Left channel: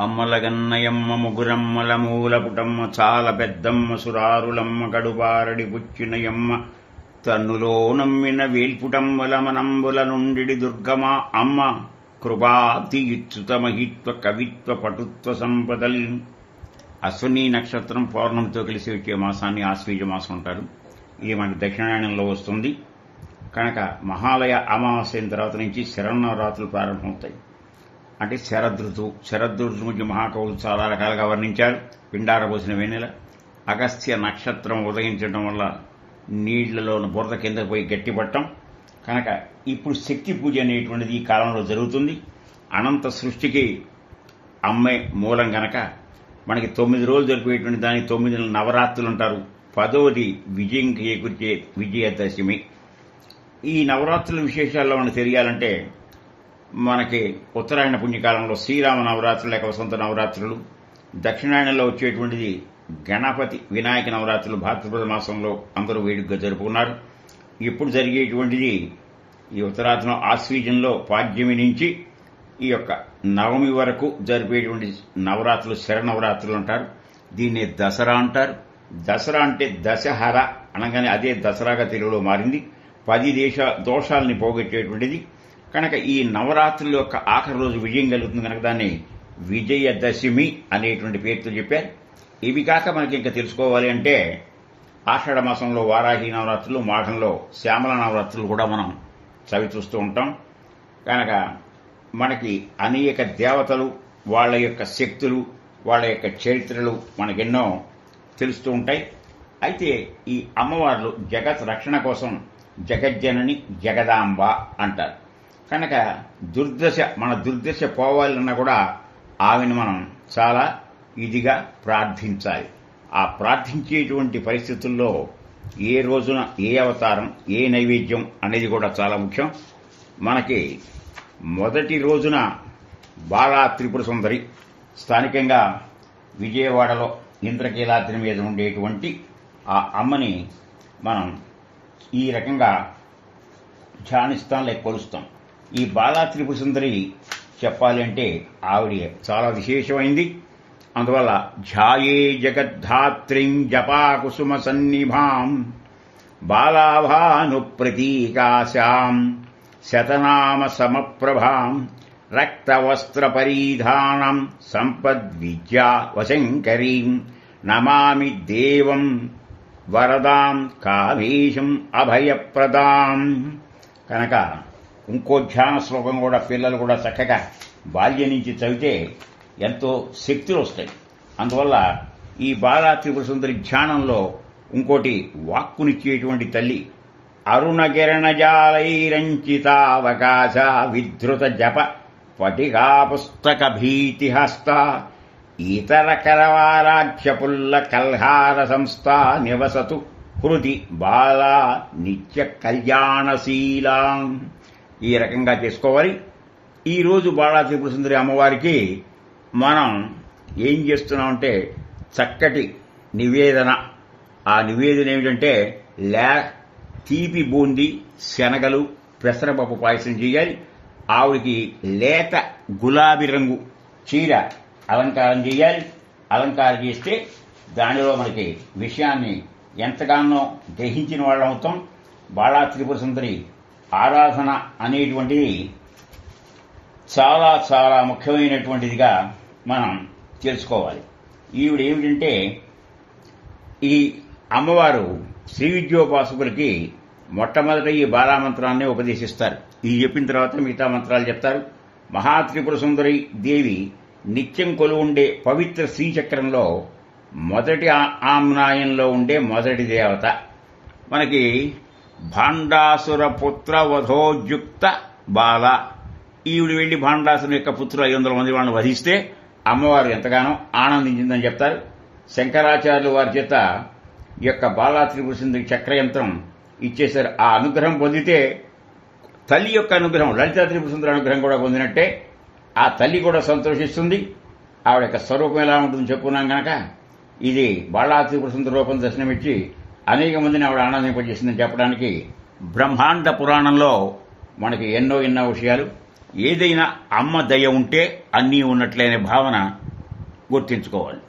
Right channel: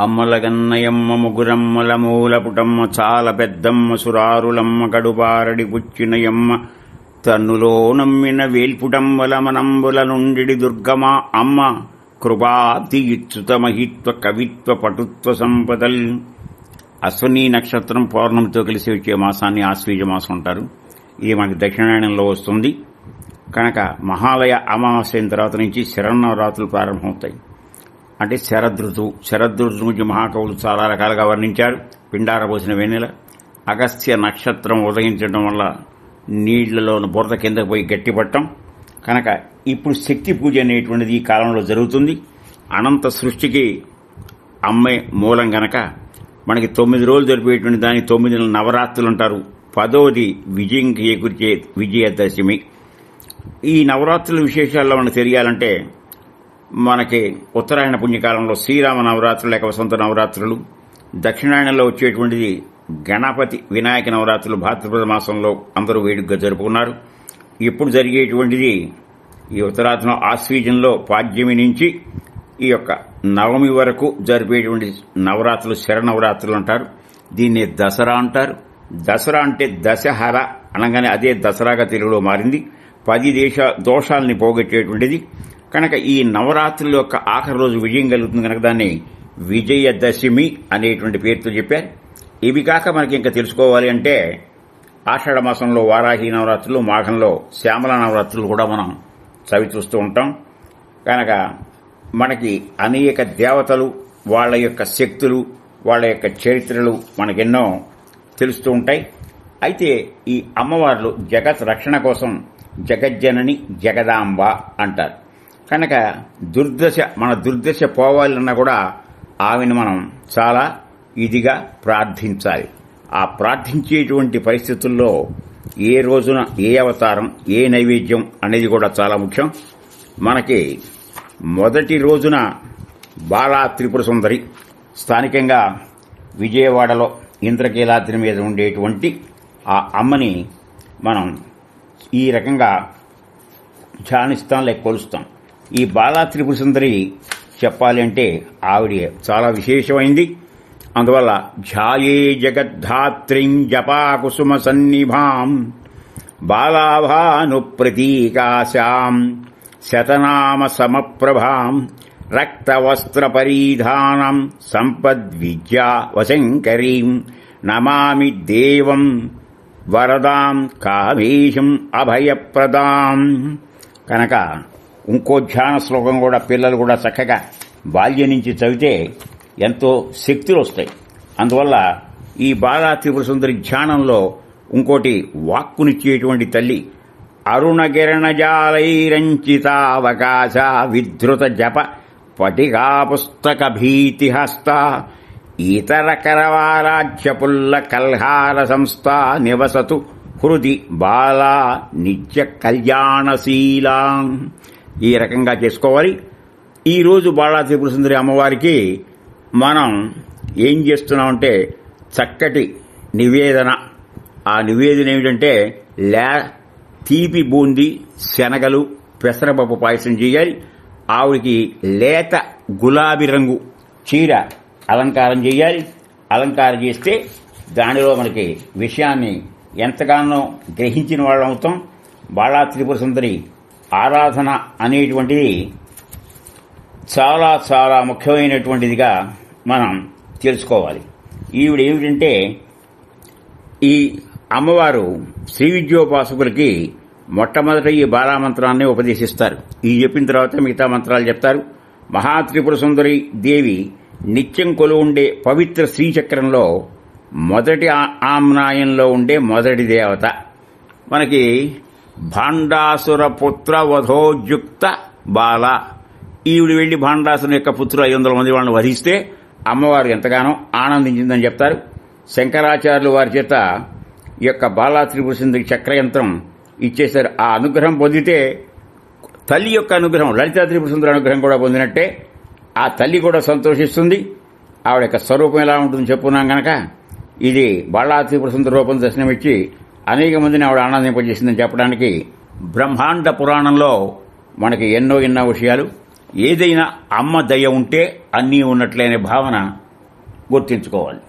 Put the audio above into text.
అమ్మలగన్నయమ్మ ముగురమ్మల మూలపుటమ్మ చాల పెద్దమ్మ సురారులమ్మ కడుపారడి పుచ్చినయమ్మ తన్నులో నమ్మిన వేల్పుటమ్మల మనంబుల నుండి దుర్గమా అమ్మ కృపాబ్ది ఇచ్చుత మహిత్వ కవిత్వ పటుత్వ సంపదల్. అశ్వనీ నక్షత్రం పౌర్ణమితో కలిసి వచ్చే మాసాన్ని ఆశ్వీజ మాసం అంటారు. ఇది మనకి దక్షిణాయనంలో వస్తుంది కనుక మహాలయ అమావాస్య తర్వాత నుంచి శరన్నవరాత్రులు ప్రారంభమవుతాయి. అంటే శరదృతు నుంచి మహాకవులు చాలా రకాలుగా వర్ణించారు. పిండారబోసిన వెన్నెల, అగస్త్య నక్షత్రం ఉదయించడం వల్ల నీళ్లలోని బురద కిందకు పోయి గట్టిపట్టం. కనుక ఇప్పుడు శక్తి పూజ అనేటువంటిది ఈ కాలంలో జరుగుతుంది. అనంత సృష్టికి అమ్మే మూలం గనక మనకి 9 రోజులు జరిపేటువంటి దాన్ని 9 నవరాత్రులు అంటారు. 10వది విజయం చేకూర్చే విజయదశమి. ఈ నవరాత్రుల విశేషాల్లో మనకు తెలియాలంటే మనకి ఉత్తరాయణ పుణ్యకాలంలో శ్రీరామ నవరాత్రులు లేక వసంత నవరాత్రులు, దక్షిణాయనంలో వచ్చేటువంటిది గణపతి వినాయక నవరాత్రులు భాద్రపద మాసంలో అందరూ వేడుకగా జరుపుకున్నారు. ఇప్పుడు జరిగేటువంటిది ఈ ఉత్తరాయణం ఆశ్వీజంలో పాడ్యమి నుంచి ఈ యొక్క నవమి వరకు జరిపేటువంటి నవరాత్రులు శరనవరాత్రులు అంటారు. దీన్ని దసరా అంటారు. దసరా అంటే దశహర అనగానే అదే దసరాగా తెలుగులో మారింది. 10 దోషాలని పోగొట్టేటువంటిది కనుక ఈ నవరాత్రుల యొక్క ఆఖరి రోజు విజయం కలుగుతుంది కనుక దాన్ని విజయదశమి అనేటువంటి పేరుతో చెప్పారు. ఇవి కాక మనకి ఇంకా తెలుసుకోవాలి అంటే ఆషాఢ మాసంలో వారాహి నవరాత్రులు, మాఘంలో శ్యామల నవరాత్రులు కూడా మనం చవి చూస్తూ ఉంటాం. కనుక మనకి అనేక దేవతలు, వాళ్ళ యొక్క శక్తులు, వాళ్ళ యొక్క చరిత్రలు మనకెన్నో తెలుస్తూ ఉంటాయి. అయితే ఈ అమ్మవార్లు జగత్ రక్షణ కోసం జగజ్జనని జగదాంబ అంటారు. కనుక మన దుర్దశ పోవాలన్నా కూడా ఆమెను మనం చాలా ఇదిగా ప్రార్థించాలి. ఆ ప్రార్థించేటువంటి పరిస్థితుల్లో ఏ రోజున ఏ అవతారం, ఏ నైవేద్యం అనేది కూడా చాలా ముఖ్యం. మనకి మొదటి రోజున బాలా త్రిపుర సుందరి, స్థానికంగా విజయవాడలో ఇంద్రకీలాద్రి మీద ఉండేటువంటి ఆ అమ్మని మనం ఈ రకంగా ధ్యానిస్తాం లేక కొలుస్తాం. ఈ బాలా త్రిపుర సుందరి చెప్పాలి అంటే ఆవిడ చాలా విశేషమైంది. అందువల్ల ధ్యాయే జగద్ధాత్రీం జపాకుసుమ సన్నిభాం బాలాభాను ప్రతీకాశాం శతనామ సమప్రభాం రక్తవస్త్ర పరిధానం సంపద్విద్యా వశంకరీం నమామి దేవం వరదాం కామేశం అభయప్రదాం. కనుక ఇంకో ధ్యాన శ్లోకం కూడా పిల్లలు కూడా చక్కగా బాల్యం నుంచి చదివితే ఎంతో శక్తులు వస్తాయి. అందువల్ల ఈ బాలా త్రిపుర సుందరి ధ్యానంలో ఇంకోటి వాక్కునిచ్చేటువంటి తల్లి అరుణగిరణజాలైరంచితావకాశ విధృత జప పటికా పుస్తక భీతిహస్త ఇతర కరవారాధ్య పుల్ల కల్హార సంస్థ నివసతు హృది బాలా నిత్య కళ్యాణశీలా. ఈ రకంగా చేసుకోవాలి. ఈరోజు బాలా త్రిపుర సుందరి అమ్మవారికి మనం ఏం చేస్తున్నామంటే చక్కటి నివేదన. ఆ నివేదన ఏమిటంటే తీపి బూందీ, శనగలు, పెసరపప్పు పాయసం చేయాలి. ఆవిడికి లేత గులాబీ రంగు చీర అలంకారం చేయాలి. అలంకారం చేస్తే దానిలో మనకి విషయాన్ని ఎంతగానో గ్రహించిన వాళ్ళం అవుతాం. బాలా త్రిపుర సుందరి ఆరాధన అనేటువంటిది చాలా చాలా ముఖ్యమైనటువంటిదిగా మనం తెలుసుకోవాలి. ఈవిడ ఏమిటంటే ఈ అమ్మవారు శ్రీ విద్యోపాసకులకి మొట్టమొదట ఈ బాలామంత్రాన్ని ఉపదేశిస్తారు. ఇది చెప్పిన తర్వాత మిగతా మంత్రాలు చెప్తారు. మహాత్రిపుర సుందరి దేవి నిత్యం కొలువుండే పవిత్ర శ్రీచక్రంలో మొదటి ఆమ్నాయంలో ఉండే మొదటి దేవత. మనకి భాండాసుర పుత్ర వధోజుక్త బాల. ఈవిడ వెళ్లి భాండాసుని యొక్క పుత్రులు 500 మంది వాళ్ళని వధిస్తే అమ్మవారు ఎంతగానో ఆనందించిందని చెప్తారు. శంకరాచార్యులు వారి చేత ఈ యొక్క బాలా త్రిపుర సుందరి చక్రయంత్రం ఇచ్చేశారు. ఆ అనుగ్రహం పొందితే తల్లి యొక్క అనుగ్రహం, లలితా త్రిపుర సుందరి అనుగ్రహం కూడా పొందినట్టే. ఆ తల్లి కూడా సంతోషిస్తుంది. ఆవిడ యొక్క స్వరూపం ఎలా ఉంటుందని చెప్పుకున్నాం కనుక ఇది బాలా త్రిపుర సుందరి రూపం దర్శనమిచ్చి అనేక మందిని ఆవిడ ఆనందింపజేసిందని చెప్పడానికి బ్రహ్మాండ పురాణంలో మనకి ఎన్నో విషయాలు. ఏదైనా అమ్మ దయ ఉంటే అన్నీ ఉన్నట్లే అనే భావన గుర్తించుకోవాలి.